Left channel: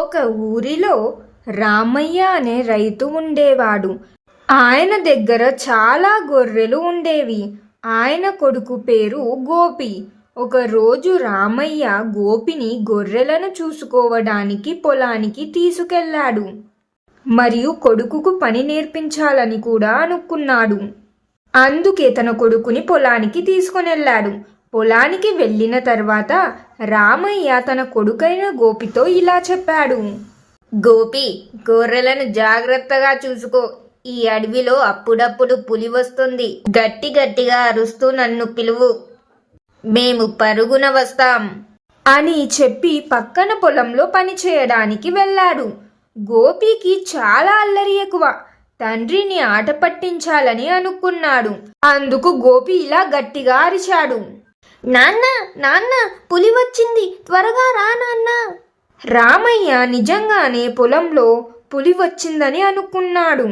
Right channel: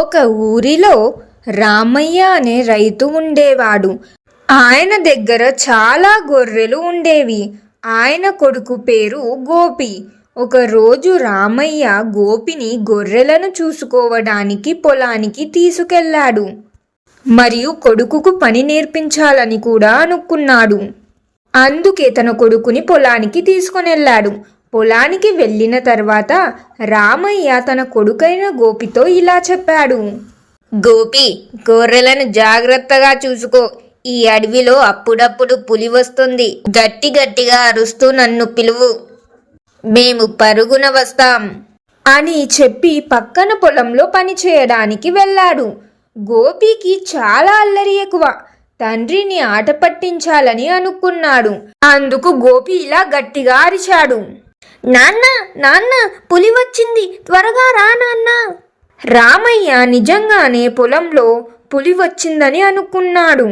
ఒక ఊరిలో రామయ్య అనే రైతు ఉండేవాడు. ఆయన దగ్గర చాలా గొర్రెలు ఉండేవి. ఆయన కొడుకు పేరు గోపి. ఒకరోజు రామయ్య గోపిని గొర్రెలను చూసుకోవడానికి పొలానికి తీసుకెళ్ళాడు. మరియు కొడుకుకు పని నేర్పించాలని కూడా అనుకున్నాడు. అందుకే తన కొడుకుని పొలానికి తీసుకునెళ్ళాడు. పొలానికి వెళ్ళిన తర్వాత రామయ్య తన కొడుకైన గోపితో ఇలా చెప్పాడు. గోపి గొర్రెలను జాగ్రత్తగా చూసుకో. ఈ అడవిలో అప్పుడప్పుడు పులి వస్తుంది. గట్టి గట్టిగా అరుస్తూ నన్ను పిలువు. మేము పరుగున వస్తాం. అని చెప్పి పక్కన పొలంలో పని చేయడానికి వెళ్ళాడు. గోపికి చాలా అల్లరి ఎక్కువ. తండ్రిని ఆట పట్టించాలని అనుకున్నాడు. అందుకు గోపి ఇలా గట్టిగా అరిచాడు. నాన్న నాన్న పులి వచ్చింది. త్వరగా రా నాన్న. రామయ్య నిజంగానే పొలంలో పులి వచ్చిందని అనుకున్నాడు.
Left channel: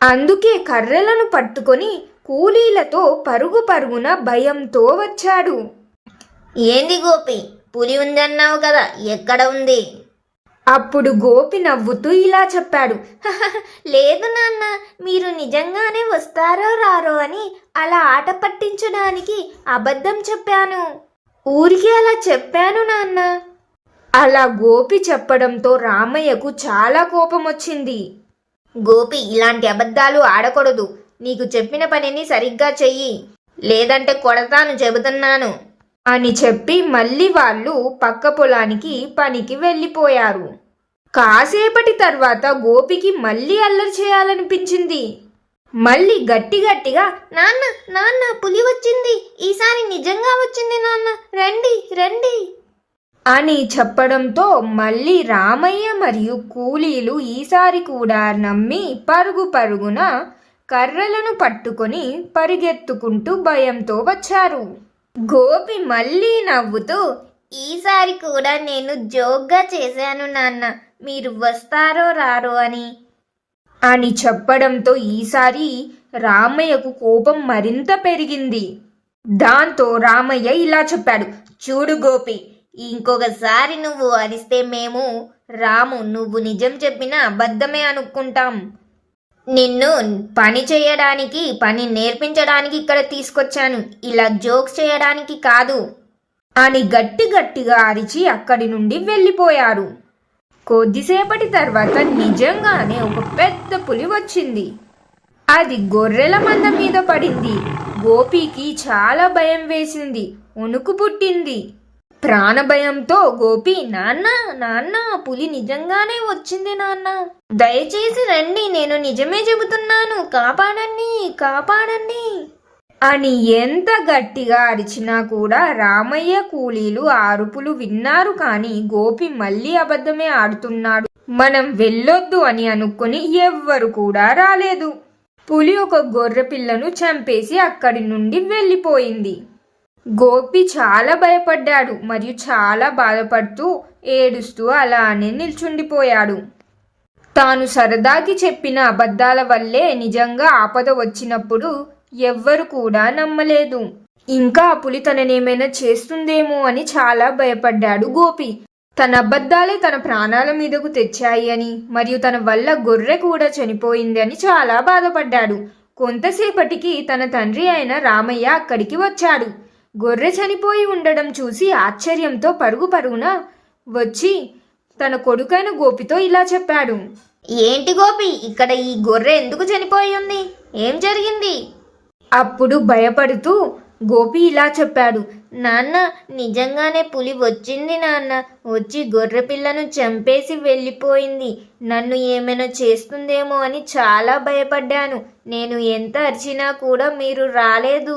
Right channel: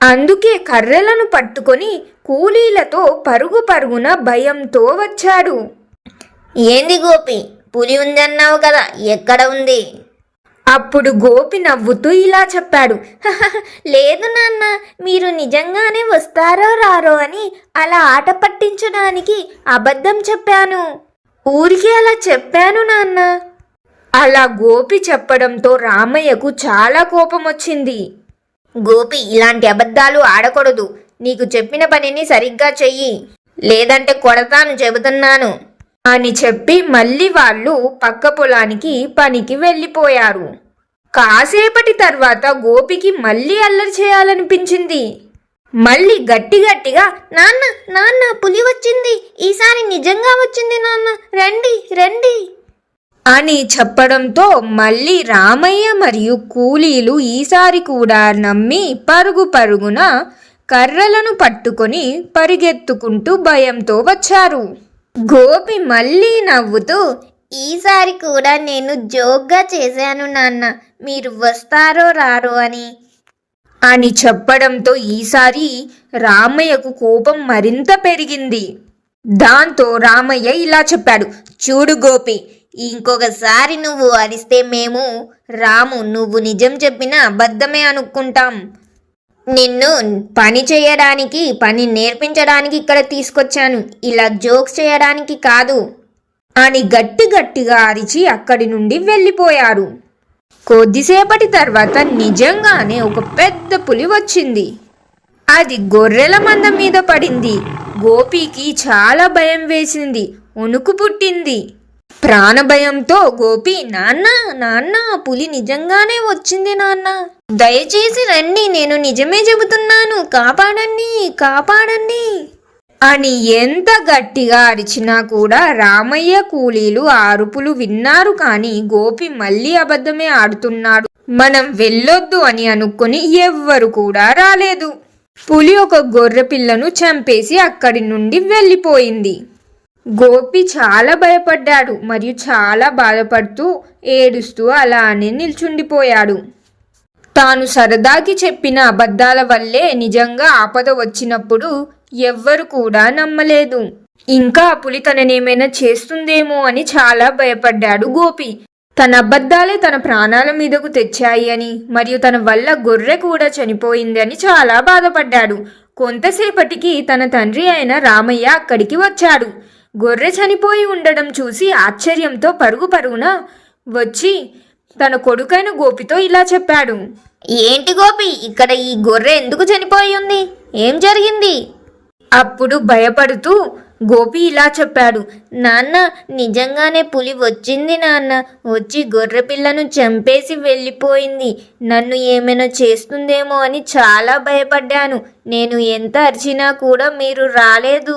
అందుకే కర్రలను పట్టుకొని కూలీలతో పరుగు పరుగున భయంతో వచ్చాడు. ఏంది గోపి పులి ఉందన్నావు కదా ఎక్కడ ఉంది? అప్పుడు గోపి నవ్వుతూ ఇలా చెప్పాడు. లేదు నాన్న మీరు నిజంగానే వస్తారో రారో అని అలా ఆట పట్టించడానికి అబద్ధం చెప్పాను. ఊరికి అలా చెప్పాను నాన్న. అలా గోపి చెప్పడంతో రామయ్యకు చాలా కోపం వచ్చింది. గోపి ఇలాంటి అబద్ధాలు ఆడకూడదు. నీకు చెప్పిన పనిని సరిగ్గా చెయ్యి. లేదంటే కొడతాను చెబుతున్నాను. అని చెప్పి మళ్ళీ వాళ్ళు పక్క పొలానికి పనికి వెళ్ళిపోయారు. కాసేపటి తర్వాత గోపికి మళ్ళీ అల్లరి చేయాలనిపించింది. మళ్ళీ గట్టి గట్టిగా నాన్న నాన్న పులి వచ్చింది. ఈసారి నిజంగా వచ్చింది నాన్న. రండి రండి. అని చెప్పడంతో మళ్ళీ రామయ్య మరియు కూలీలు ఈసారి కూడా నమ్మి పరుగు పరుగున కర్రలను పట్టుకొని పరిగెత్తుకుంటూ భయంతో వచ్చారు. గోపి మళ్ళీ నవ్వుతూ ఈసారి కూడా నేను జోక్గా చేశాను నాన్న. మీరు వస్తారో రారో అని. అని చెప్పడంతో ఈసారి రామయ్యకు కోపం మరింత పెరిగింది. దాంతో రామయ్య ఇలా చెప్పాడు చూడు గోపి ఇంకొకసారి నువ్వు అరిస్తే మేము రాము నువ్వు నిజం చెప్పిన అబద్ధమే అనుకుంటాం. నిన్ను పని చేయడానికి పని నేర్పించడానికి ఇక్కడ తీసుకొచ్చాను. ఇలా జోక్స్ చేయడానికి కాదు. అని గట్టి గట్టిగా అరిచి అక్కడి నుండి వెళ్ళిపోయారు. కొద్దిసేపటి తర్వాత నిజంగానే ఒక పెద్ద పులి వచ్చింది. అది గొర్రెల మంద మీద పడింది. గోపికి చాలా భయం వేసింది. వణుకు పుట్టింది. ప్రాణభయంతో గోపి నాన్న నాన్న పులి నిజంగానే వచ్చింది నాన్న. దయచేసి రండి నేను నిజమే చెబుతున్నాను. కాపాడండి కాపాడండి. అని ఎంత గట్టిగా అరిచినా కూడా రామయ్య కూలీలు అరుపులు విన్నారు కానీ గోపి మళ్ళీ అబద్ధమే ఆడుతున్నాడు. మనం వెళ్ళొద్దు అని అనుకుని ఎవ్వరు కూడా రాలేదు. పులి ఒక గొర్రె పిల్లను చంపేసి అక్కడి నుండి వెళ్ళిపోయింది. గోపి చాలా భయపడ్డాడు మరియు చాలా బాధపడుతూ ఏడుస్తూ అలానే నిల్చుండిపోయాడు. తాను సరదాకి చెప్పిన అబద్ధాల వల్లే నిజంగా ఆపద వచ్చినప్పుడు ఎవ్వరు కూడా నమ్మలేదు. ఇంకా ఆ పులి తననేమైనా చేస్తుందేమో అని చాలా భయపడ్డాడు గోపి. తన అబద్ధాలే తన ప్రాణాల మీదకు తెచ్చాయి అని మరియు తన వల్ల గొర్రె కూడా చనిపోయింది అని చాలా బాధపడ్డాడు. కొంతసేపటికి తన తండ్రి అయిన రామయ్య అక్కడికి వచ్చాడు. గొర్రె చనిపోయి ఉండడం చూసి ఆశ్చర్యంతో పరుగు పరుగున వచ్చి తన కొడుకైన గోపితో ఇలా చెప్పాడు. ఏంటి గోపి? ఇక్కడ ఈ గొర్రె ఎందుకు చనిపోయి ఉంది? ఏం జరిగింది? అప్పుడు భయపడుతూ గోపి ఇలా చెప్పాడు. నాన్న నిజంగానే పులి వచ్చింది నాన్న. వచ్చి గొర్రె పిల్లను చంపేసి వెళ్ళిపోయింది. నన్ను ఏమైనా చేస్తుందేమో అని చాలా భయపడ్డాను. నేను ఎంత అరిచినా కూడా మీరు రాలేదు.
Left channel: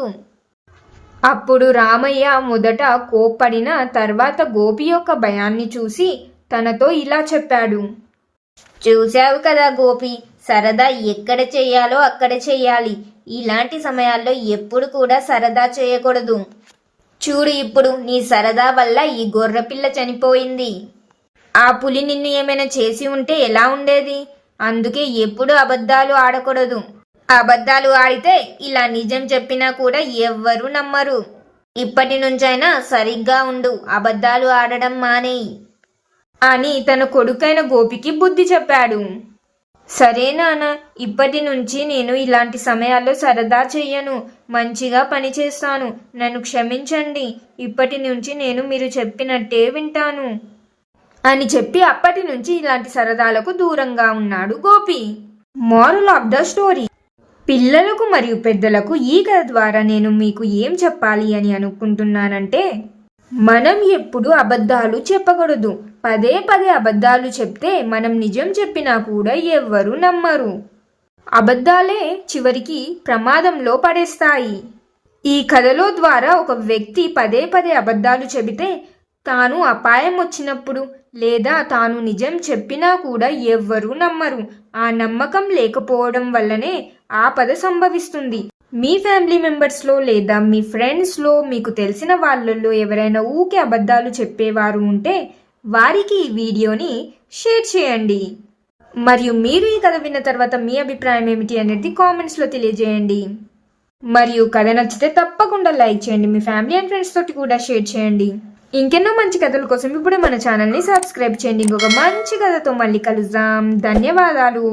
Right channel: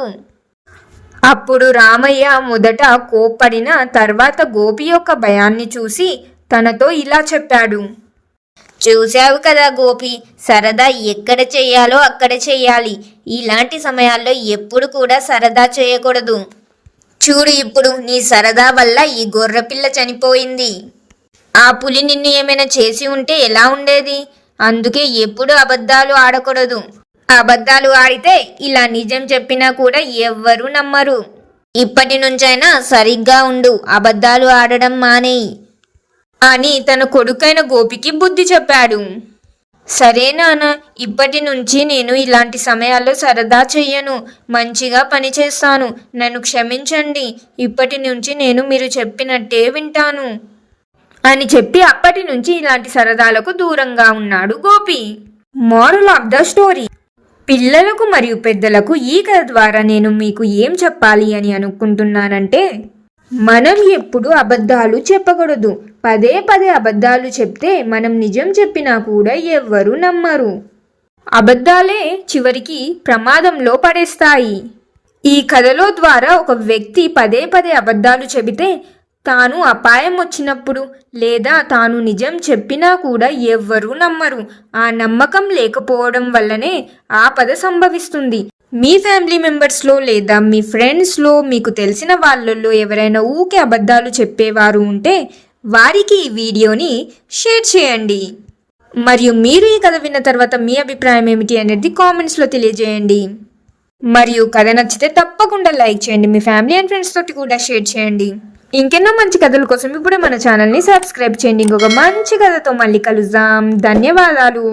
అప్పుడు రామయ్య మొదట కోప్పడిన తర్వాత గోపి యొక్క భయాన్ని చూసి తనతో ఇలా చెప్పాడు. చూశావు కదా గోపి సరదా ఎక్కడ చేయాలో అక్కడ చేయాలి. ఇలాంటి సమయాల్లో ఎప్పుడు కూడా సరదా చేయకూడదు. చూడు ఇప్పుడు నీ సరదా వల్ల ఈ గొర్రెపిల్ల చనిపోయింది. ఆ పులి నిన్ను ఏమైనా చేసి ఉంటే ఎలా ఉండేది? అందుకే ఎప్పుడు అబద్ధాలు ఆడకూడదు. అబద్ధాలు ఆడితే ఇలా నిజం చెప్పినా కూడా ఎవ్వరూ నమ్మరు. ఇప్పటి నుంచైనా సరిగ్గా ఉండు అబద్ధాలు ఆడడం మానేయి అని తన కొడుకైన గోపికి బుద్ధి చెప్పాడు. సరే నాన్న ఇప్పటి నుంచి నేను ఇలాంటి సమయాల్లో సరదా చెయ్యను మంచిగా పని చేస్తాను నన్ను క్షమించండి ఇప్పటి నుంచి నేను మీరు చెప్పినట్టే వింటాను. అని చెప్పి అప్పటి నుంచి ఇలాంటి సరదాలకు దూరంగా ఉన్నాడు Gopi. Moral of the story. పిల్లలకు మరియు పెద్దలకు ఈ కథ ద్వారా నేను మీకు ఏం చెప్పాలి అని అనుకుంటున్నానంటే మనం ఎప్పుడు అబద్ధాలు చెప్పకూడదు. పదే పదే అబద్ధాలు చెప్తే మనం నిజం చెప్పినా కూడా ఎవ్వరూ నమ్మరు. అబద్ధాలే చివరికి ప్రమాదంలో పడేస్తాయి. ఈ కథలో ద్వారా ఒక వ్యక్తి పదే పదే అబద్ధాలు చెబితే తాను అపాయం వచ్చినప్పుడు లేదా తాను నిజం చెప్పినా కూడా ఎవ్వరూ నమ్మరు. ఆ నమ్మకం లేకపోవడం వల్లనే ఆపద సంభవిస్తుంది. మీ ఫ్యామిలీ మెంబర్స్లో లేదా మీ ఫ్రెండ్స్లో మీకు తెలిసిన వాళ్ళల్లో ఎవరైనా ఊకే అబద్ధాలు చెప్పేవారు ఉంటే వారికి ఈ వీడియోని షేర్ చేయండి. మరియు మీరు ఈ కథ విన్న తర్వాత మీ అభిప్రాయం ఏమిటి అనేది కామెంట్స్లో తెలియజేయండి. మరియు కథ నచ్చితే తప్పకుండా లైక్ చేయండి. మీ ఫ్యామిలీ అండ్ ఫ్రెండ్స్ తోటి కూడా షేర్ చేయండి. ఇంకెన్నో మంచి కథల కోసం ఇప్పుడే మన ఛానల్ని సబ్స్క్రైబ్ చేయండి. ఇంకొక మంచి కథతో మళ్ళీ కలుద్దాం. ధన్యవాదాలు.